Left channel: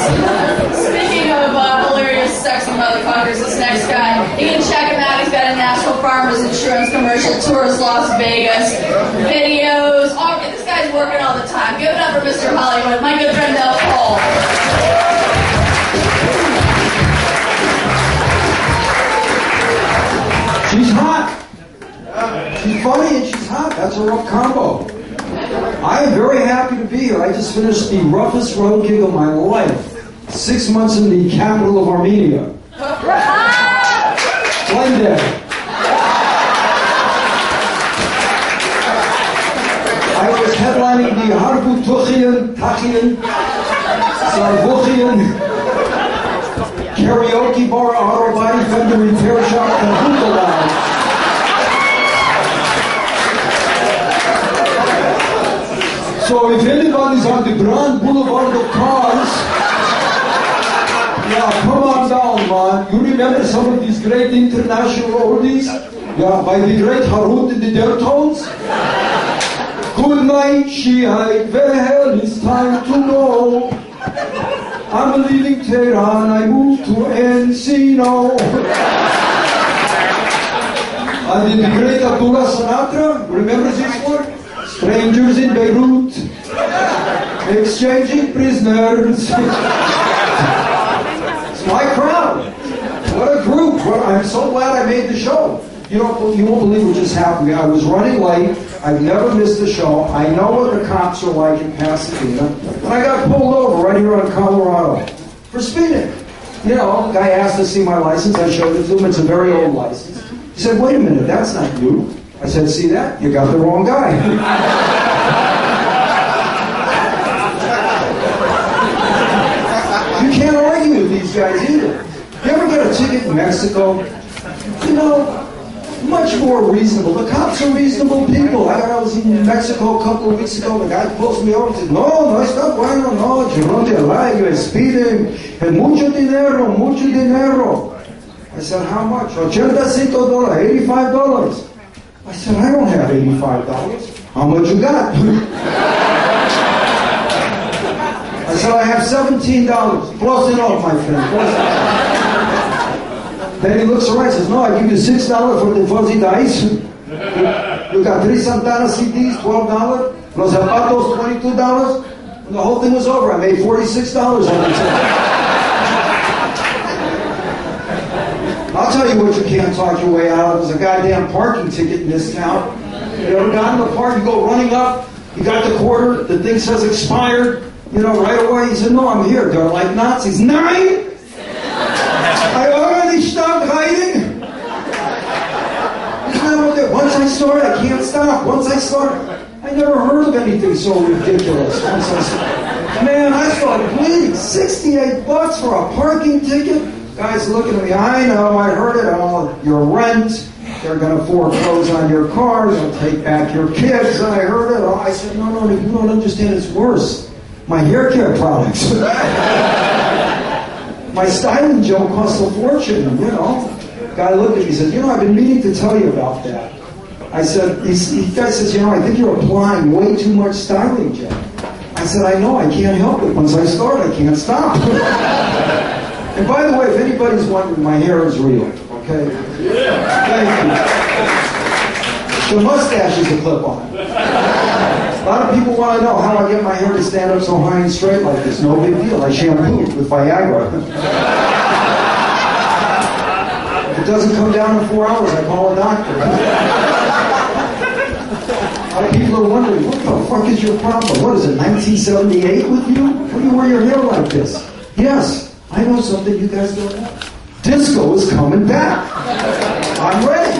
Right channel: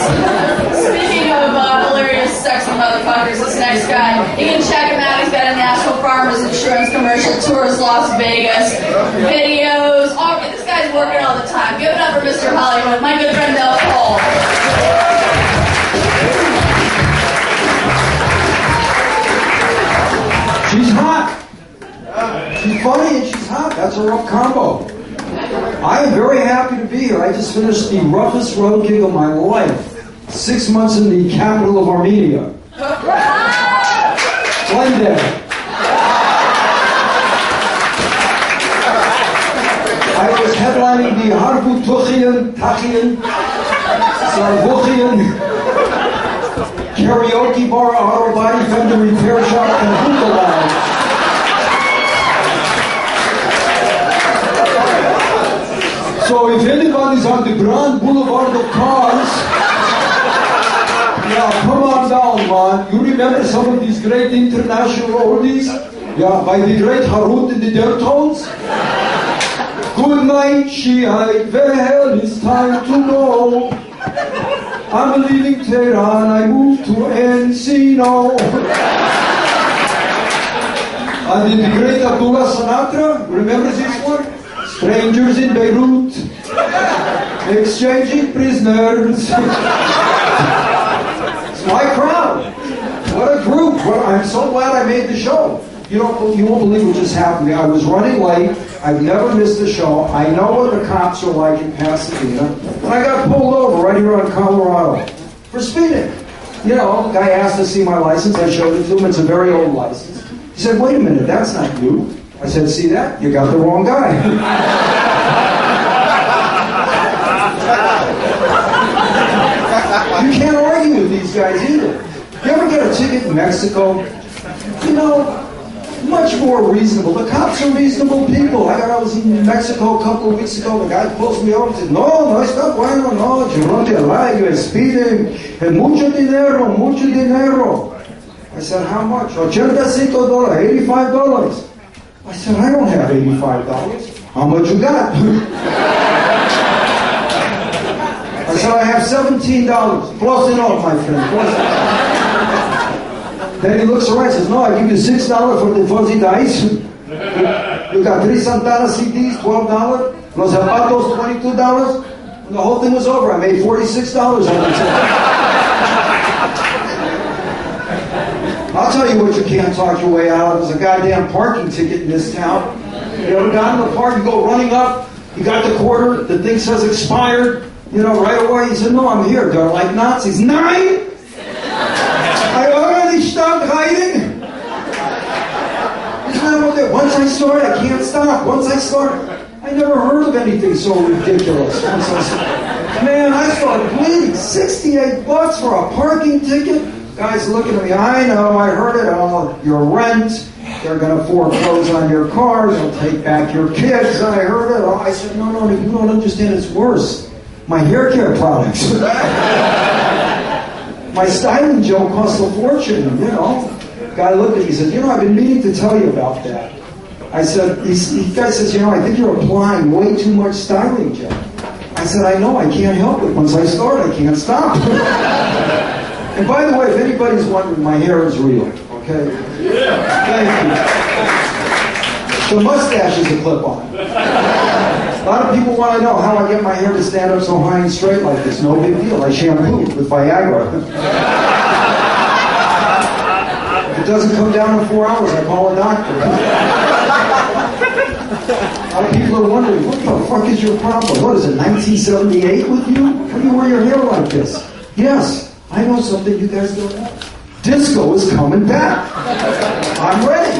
Speaking of hilarious, sexy motherfuckers, this next guy, you can check him out. He's got a National Farmers Insurance commercial, tours Las Vegas, videos. This guy's working all the time. Give it up for Mr. Hollywood, my good friend Mel Kohl. She's hot. She's funny and she's hot. That's a rough combo. I am very happy to be here. I just finished the roughest road gig of my life. 6 months in the capital of Armenia. Glendale. I was headlining the Harbu Tachian, Sarvuchian, karaoke bar, auto body fender repair shop, and hookah lounge. So if anybody's on the Grand Boulevard of cars, yeah, come on down, man. You remember some of these great international oldies? Yeah, by the great Harut and the Dertones? Good night, Shiite, where hell is time to go? I'm leaving Tehran, I moved to Encino. And then the great Abdullah Sinatra, remember this one? Strangers in Beirut, exchanging prisoners. It's my crowd. What a group. Well, I'm so glad I made the show. You won't believe what just happened to me. I was running late. I've never missed a show. I know what the cops are like in Pasadena. And I got pulled over right here on Colorado for speeding. You know, the guy asked to see my license. I showed it to him. It's a very old license. He said, wait a minute, that's not you. I said, see that? You got the wrong guy. You can't argue with these guys either. You ever get a ticket in Mexico? You know, much more reasonable. The cops are reasonable people. I was in Mexico a couple of weeks ago. The guy pulls me over and says, no, está bueno, no, you run the light, you're speeding, and mucho dinero, mucho dinero. I said, how much? $85. $85. I said, I don't have $85. How much you got? I said, I have $17. Close enough, my friend. Close enough. Then he looks around and says, no, I give you $6 for the fuzzy dice. You got 3 Santana CDs, $12. Los zapatos, $22. And the whole thing was over. I made $46 on it. I'll tell you what you can't talk your way out of. There's a goddamn parking ticket in this town. You ever got in the park, you go running up, you got the quarter, the thing says expired, you know, right away. He said, no, I'm here. They're like Nazis. Nein! I already stopped hiding. Isn't that what they, once I start, I can't stop. Once I start, I never heard of anything so ridiculous. Once I start, man, I started bleeding. $68 for a parking ticket? Guys looking at me, I know, I heard it all. Your rent, they're going to foreclose on your car, they'll take back your kids. I heard it all. I said, no, you don't understand, it's worse. My hair care products. My styling gel costs a fortune, you know. Guy looked at me, he said, you know, I've been meaning to tell you about that. I said, the guy says, you know, I think you're applying way too much styling gel. I said, I know, I can't help it. Once I start, I can't stop. And by the way, if anybody's wondering, my hair is real, okay? Yeah. Thank you. The mustache is a clip-on. A lot of people want to know how I get my hair to stand up so high and straight like this. No big deal. I shampoo with Viagra. If it doesn't come down in 4 hours, I call a doctor. A lot of people are wondering, what the fuck is your problem? What is it, 1978 with you? How do you wear your hair like this? Yes. I know something you guys don't know. Disco is coming back. I'm ready.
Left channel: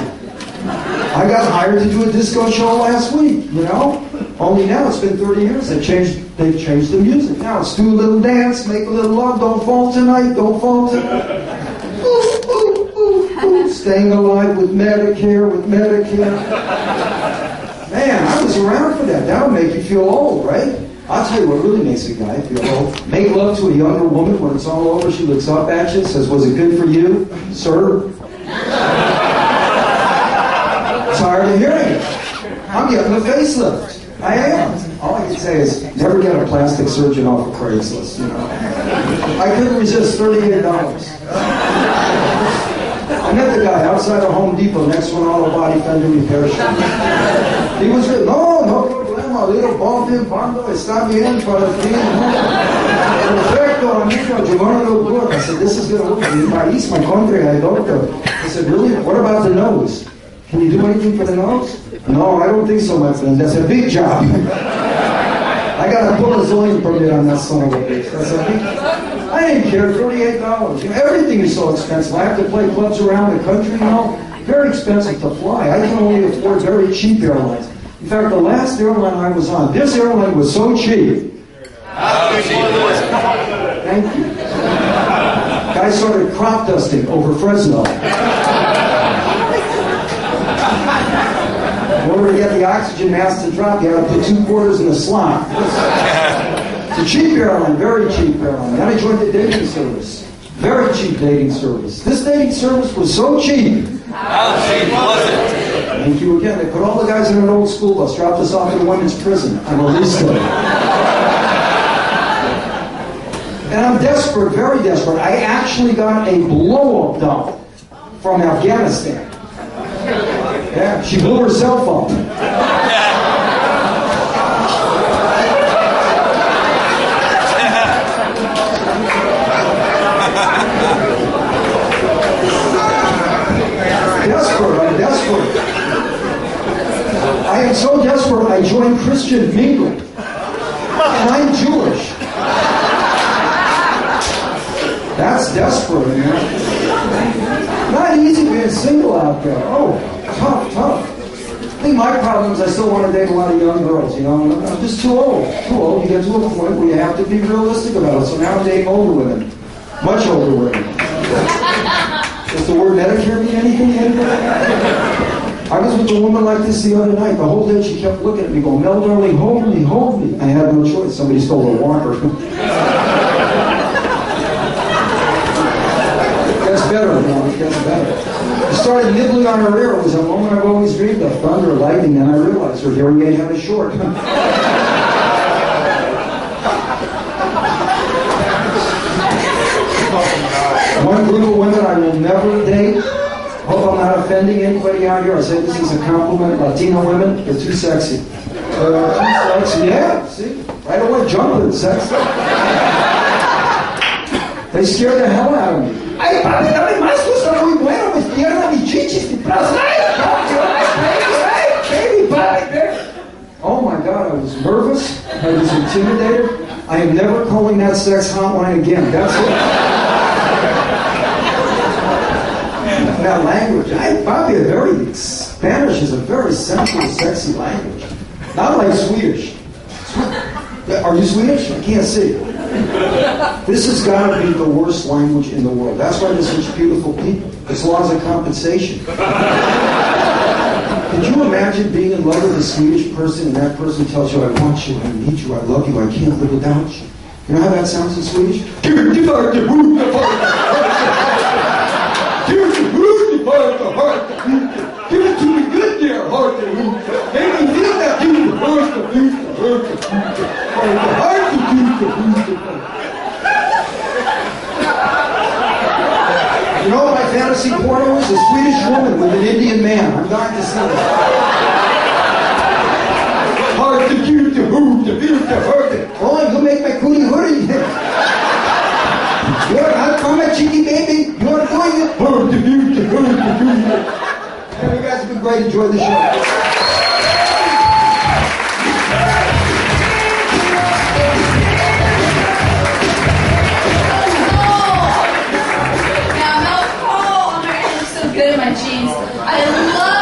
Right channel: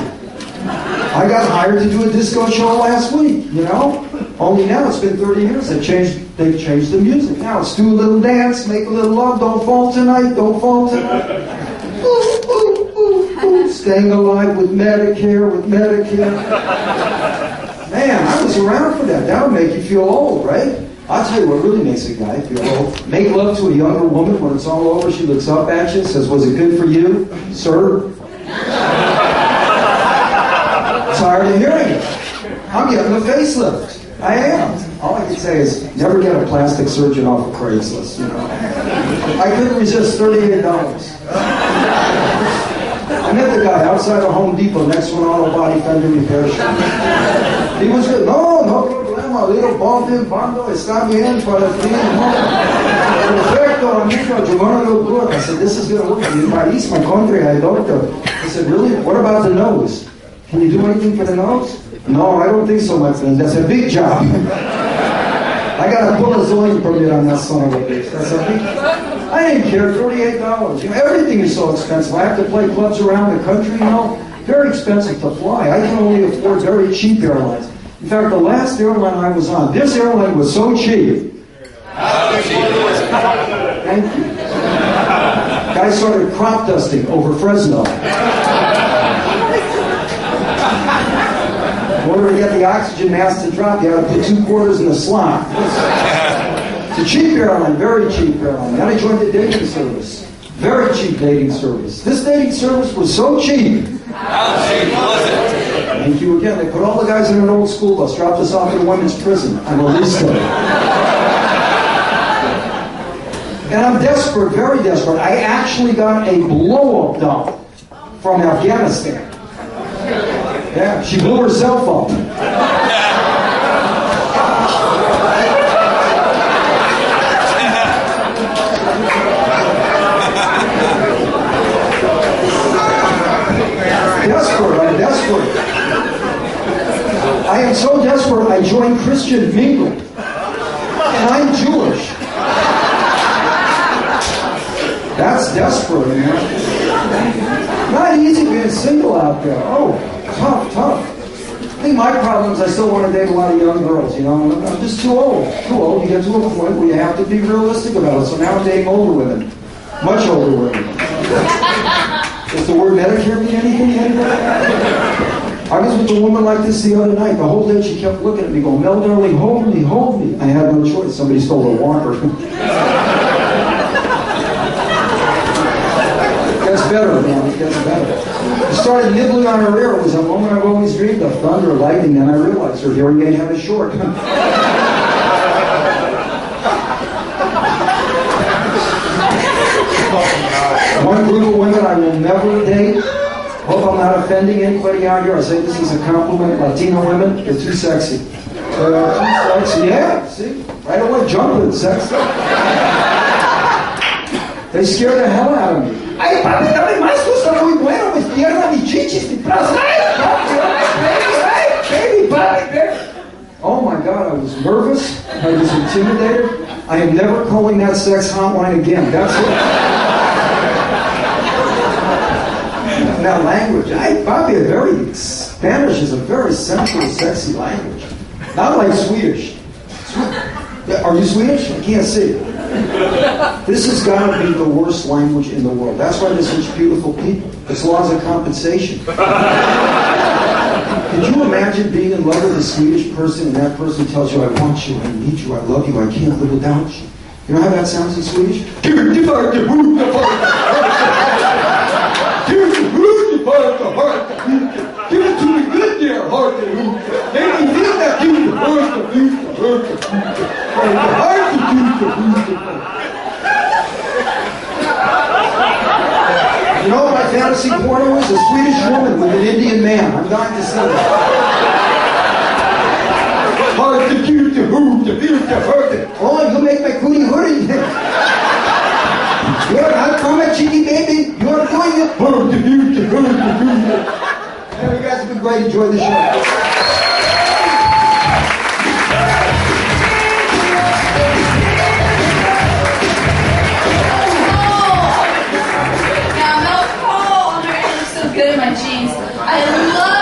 I got hired to do a disco show last week, you know? Only now it's been 30 years. They've changed the music. Now it's do a little dance, make a little love, don't fall tonight, don't fall tonight. Ooh, ooh, ooh, ooh. Staying alive with Medicare. Man, I was around for that. That would make you feel old, right? I'll tell you what really makes a guy feel old. Make love to a younger woman when it's all over. She looks up at you and says, was it good for you, sir? Tired of hearing it. I'm getting a facelift. I am. All I can say is never get a plastic surgeon off of Craigslist, you know. I couldn't resist $38. I met the guy outside of Home Depot next to an auto body fender repair shop. He was good. No problema, little bombe, bando, está bien para ti. Perfecto, amigo, you're gonna look good. I said, this is gonna work. Mi país, my country, I don't know. He said, really? What about the nose? Can you do anything for the nose? No, I don't think so, my friend. That's a big job. I got to pull a zoning permit on that son of a bitch. That's a big... I didn't care, $38. You know, everything is so expensive. I have to play clubs around the country, you know. Very expensive to fly. I can only afford very cheap airlines. In fact, the last airline I was on, this airline was so cheap. Thank you. Guy started crop dusting over Fresno. In order to get the oxygen mask to drop, you have to put 2 quarters in the slot. It's a cheap airline, very cheap airline. Then I joined the dating service. Very cheap dating service. This dating service was so cheap. How cheap was it? Thank you again. They put all the guys in an old school bus, dropped us off at a women's prison. I'm released them. And I'm desperate, very desperate. I actually got a blow-up doll from Afghanistan. Yeah, she blew herself up. I'm desperate. I am so desperate, I joined Christian Mingle. And I'm Jewish. That's desperate, man. Not easy being single out there. Oh, tough. I think my problem is I still want to date a lot of young girls, you know. I'm just too old. You get to a point where you have to be realistic about it. So now I'm dating older women. Much older women. Does the word Medicare mean anything? I was with a woman like this the other night. The whole day she kept looking at me going, Mel, darling, hold me. I had no choice. Somebody stole her walker. It gets better, man. It gets better. I started nibbling on her ear. It was a moment I've always dreamed of. Thunder, lightning. Then I realized her hearing aid had a short. One group of women I will never date. Hope I'm not offending anybody out here. I say this is a compliment. Latino women, they're too sexy. Too sexy. Yeah, see? Right away, jumping, sexy. They scare the hell out of me. Ay, papi, dame más, tú estás muy bueno. Me pierna mis chichis, mi plaza. Baby, baby. Oh my God, I was nervous. I was intimidated. I am never calling that sex hotline again. That's it. That language, Spanish is a very sensual, sexy language. Not like Swedish. Are you Swedish? I can't see. This has got to be the worst language in the world. That's why there's such beautiful people. It's laws of compensation. Could you imagine being in love with a Swedish person and that person tells you, I want you, I need you, I love you, I can't live without you? You know how that sounds in Swedish? Give it to me good there, heart. Make me feel that you hurt the You know what my fantasy porno is? A Swedish woman with an Indian man. I'm dying to see that. Hard to cute, to hoot, to feel, to hurt it. Oh, you make my cootie hurry. You're not coming, cheeky baby. You're doing it. Hard to cute, to hurt, to cute. You guys have been great. Enjoy the show. Now, Mel Kohl, oh my God, looks so good in my jeans. I love